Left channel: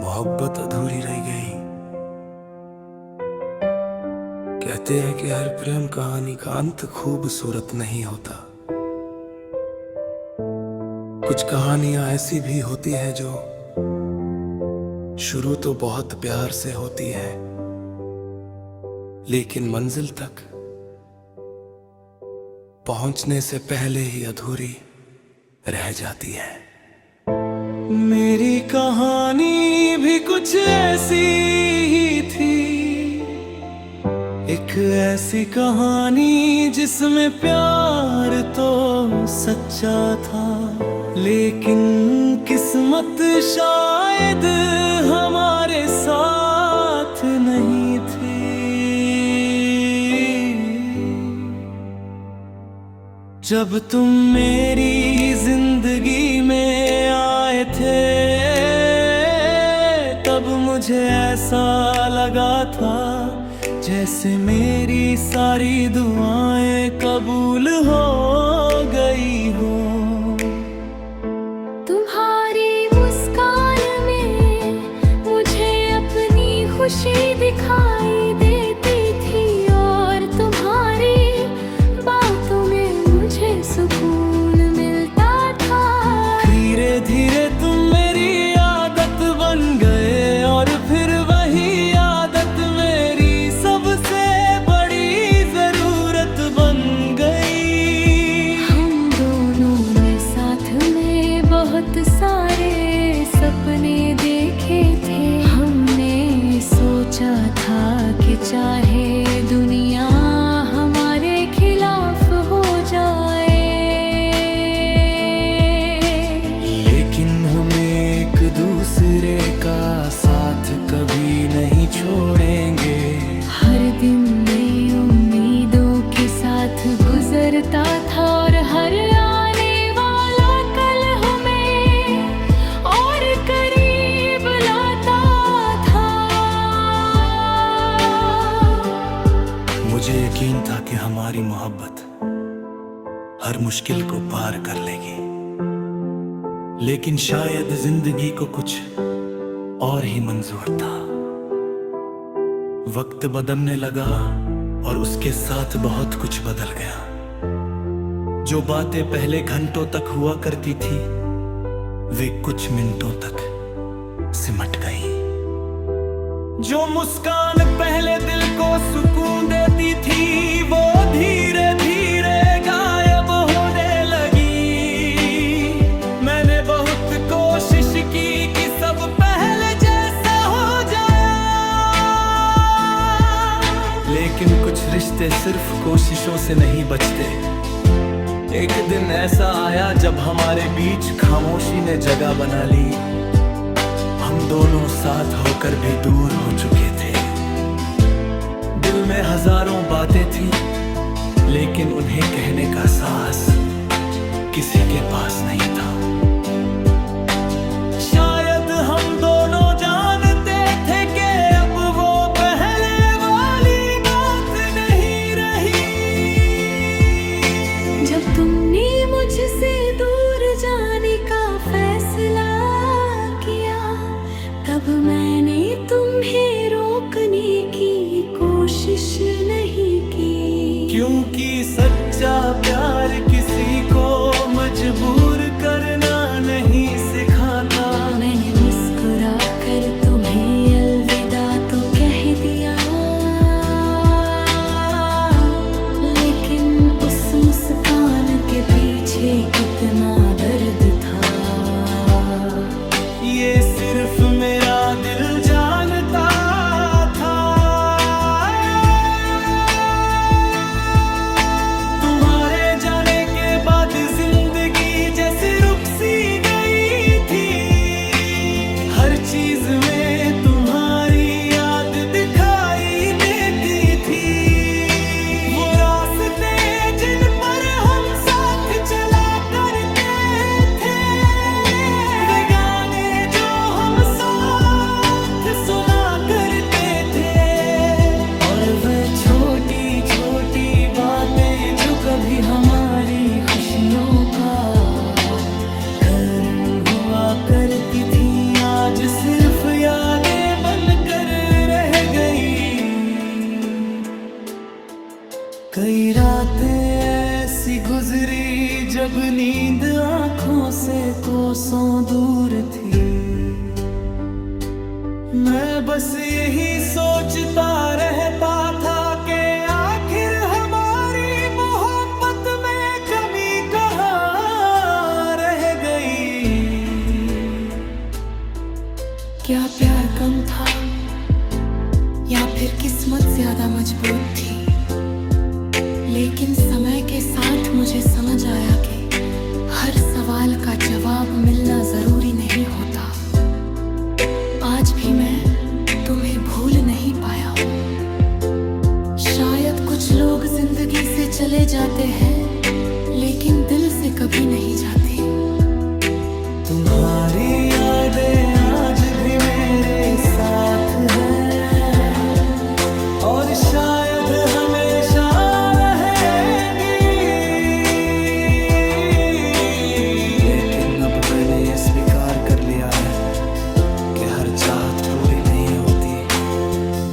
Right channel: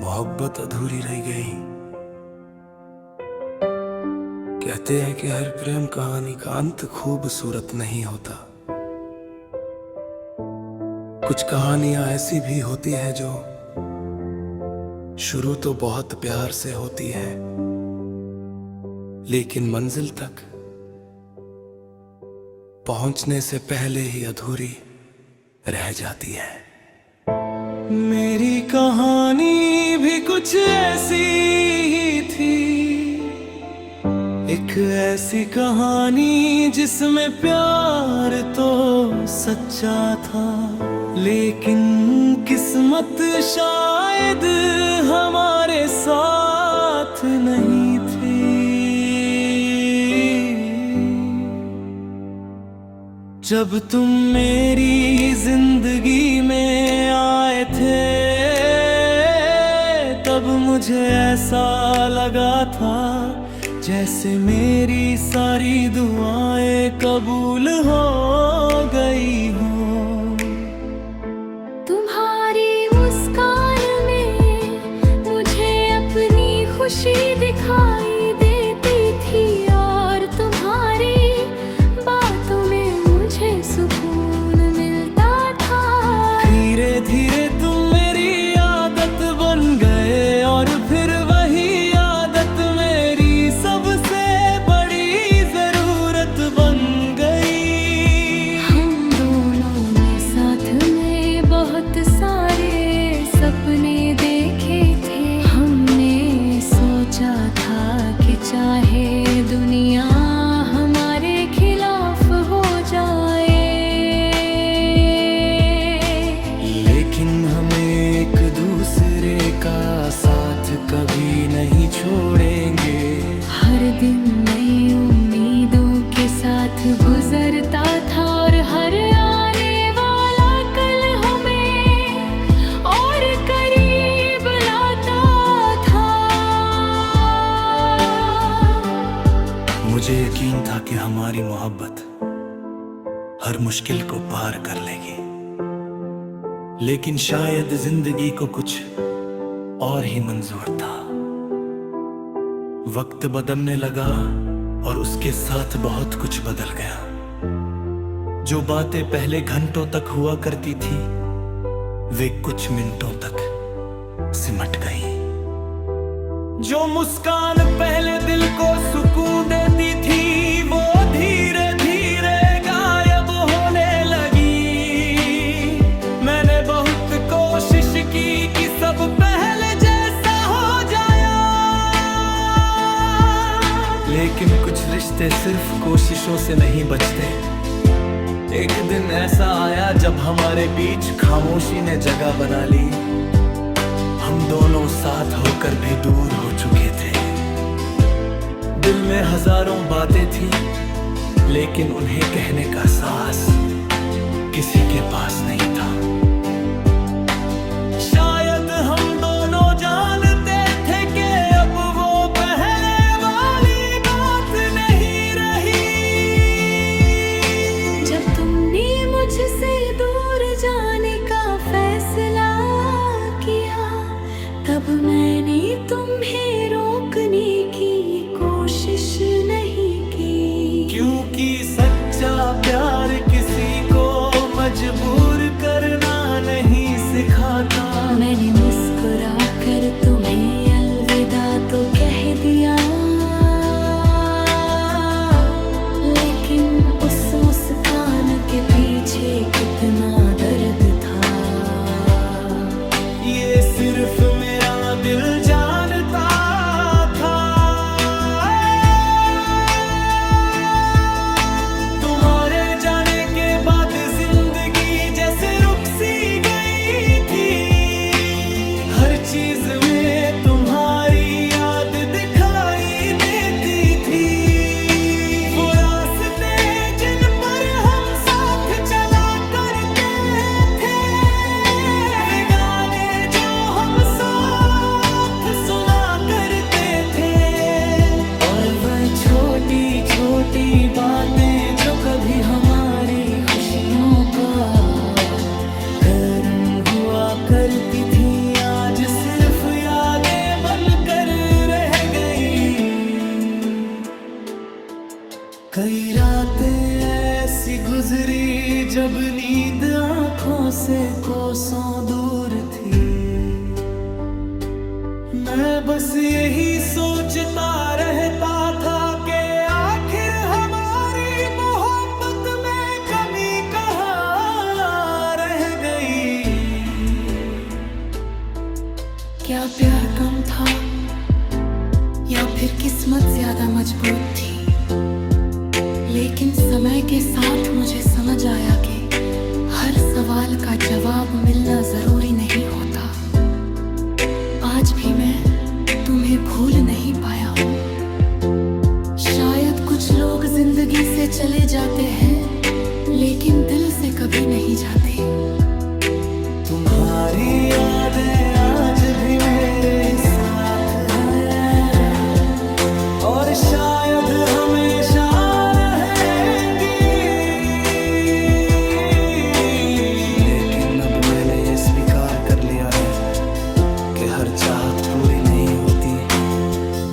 मोहब्बत अधूरी रह गई। कहते हैं कि हर प्रेम कहानी का अंत खूबसूरत नहीं होता। कुछ कहानियां ऐसी भी होती है जो शुरू तो बहुत प्यार से होती है, लेकिन मंजिल तक पहुंचने से पहले ही अधूरी रह जाती है। मेरी कहानी भी कुछ ऐसी ही थी, एक ऐसी कहानी जिसमें प्यार तो सच्चा था, लेकिन किस्मत शायद हमारे साथ नहीं थी। जब तुम मेरी जिंदगी में आए थे, तब मुझे ऐसा लगा था जैसे मेरी सारी दुआएं कबूल हो गई हो। तुम्हारी मुस्कान में मुझे अपनी खुशी दिखाई देती थी, और तुम्हारी बातों में मुझे सुकून मिलता था। धीरे धीरे तुम मेरी आदत बन गए, और फिर वही आदत मेरी सबसे बड़ी जरूरत बन गई। हम दोनों ने साथ में बहुत सारे सपने देखे थे। हमने सोचा था कि चाहे दुनिया हमारे खिलाफ हो जाए, लेकिन हम एक दूसरे का साथ कभी नहीं छोड़ेंगे। हर दिन नई उम्मीदों के साथ गुजरता था, और हर आने वाला कल हमें और करीब लाता था। मुझे यकीन था कि हमारी मोहब्बत हर मुश्किल को पार कर लेगी, लेकिन शायद जिंदगी को कुछ और ही मंजूर था। वक्त बदलने लगा और उसके साथ बहुत कुछ बदल गया। जो बातें पहले घंटों तक हुआ करती थी, वे कुछ मिनटों तक सिमट गई। जो मुस्कान पहले दिल को सुकून देती थी, वो धीरे धीरे गायब होने लगी। मैंने बहुत कोशिश की कि सब पहले जैसा हो जाए, लेकिन कुछ रिश्ते सिर्फ कोशिशों से नहीं बचते। एक दिन ऐसा आया जब हमारे बीच खामोशी ने जगह बना ली। हम दोनों साथ होकर भी दूर हो चुके थे। दिल में हजारों बातें थी, लेकिन उन्हें कहने का साहस किसी के पास नहीं था। शायद हम दोनों जानते थे कि अब वो पहले वाली बात नहीं रही। जब तुमने मुझसे दूर जाने का फैसला किया, तब मैंने तुम्हें रोकने की कोशिश नहीं की, क्योंकि सच्चा प्यार किसी को मजबूर करना नहीं सिखाता। मैंने मुस्कुरा कर तुम्हें अलविदा तो कह दिया, लेकिन उस मुस्कान के पीछे कितना दर्द था, ये सिर्फ मेरा दिल जानता था। तुम्हारे जाने के बाद जिंदगी जैसे रुक सी गई थी। हर चीज में तुम्हारी याद दिखाई देती थी। वो रास्ते जिन पर हम साथ चला करते थे, वे गाने जो हम साथ सुना करते थे, और वह छोटी छोटी बातें जो कभी हमारी खुशियों का कारण हुआ करती थी, आज आज सिर्फ यादें बनकर रह गई। कई रातें ऐसी गुजरी जब नींद आंखों से कोसों दूर थी। मैं बस यही सोचता रहता था कि आखिर हमारी मोहब्बत में कमी कहाँ रह गई। क्या प्यार कम था या फिर किस्मत ज्यादा मजबूत थी? लेकिन समय के साथ मुझे समझ आया कि हर सवाल का जवाब मिलना जरूरी नहीं होता। आज भी मैं तुम्हें भूल नहीं पाया हूँ। शायद कुछ लोग जिंदगी से चले जाते हैं लेकिन दिल से कभी नहीं जाते। तुम्हारी यादें आज भी मेरे साथ हैं और शायद हमेशा रहेंगी। लेकिन अब मैंने ये स्वीकार कर लिया है कि हर चाहत पूरी नहीं होती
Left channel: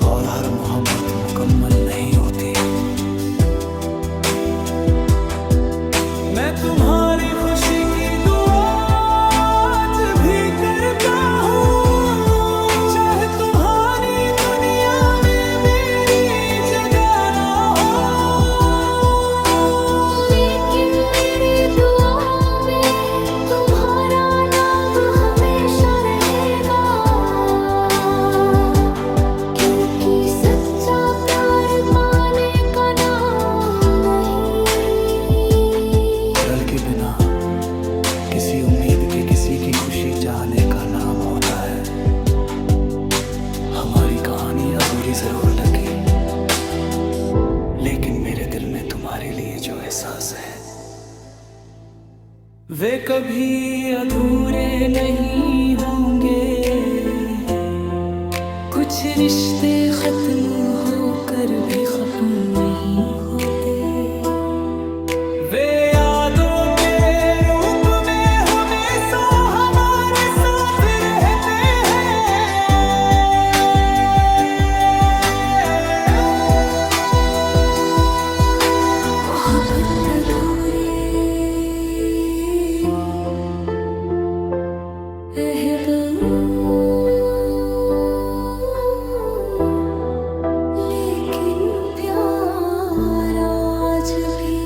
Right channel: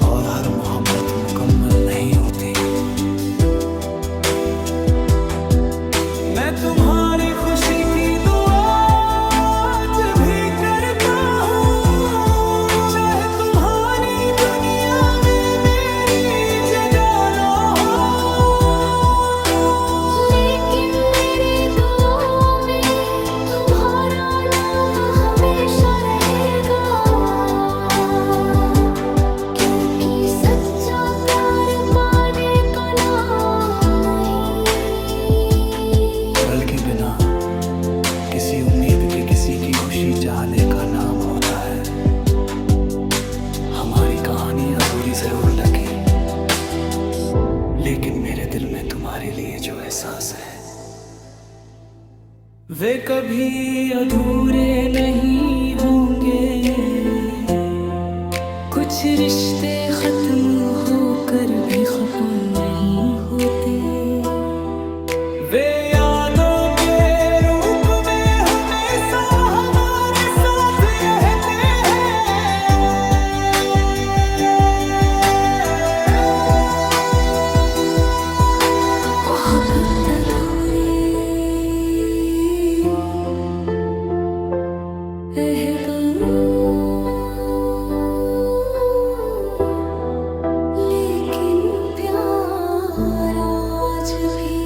और हर मोहब्बत मुकम्मल नहीं होती। मैं तुम्हारी खुशी की दुआ आज भी करता हूँ, चाहे तुम्हारी दुनिया में मेरी जगह ना हो। लेकिन मेरे दुआओं में तुम्हारा नाम हमेशा रहेगा, क्योंकि सच्चा प्यार पाने का नाम नहीं। पल के बिना किसी उम्मीद के किसी की खुशी चाहने का नाम होता है। हमारी कहानी अधूरी जरूर लगी, लेकिन मेरे दिल में तुम्हारे लिए जो एहसास है वे कभी अधूरे नहीं होंगे। कुछ रिश्ते खत्म होकर भी खत्म नहीं होते। वे यादों के रूप में हमेशा हमारे साथ रहते हैं। मोहब्बत अधूरी रह गई, लेकिन प्यार आज भी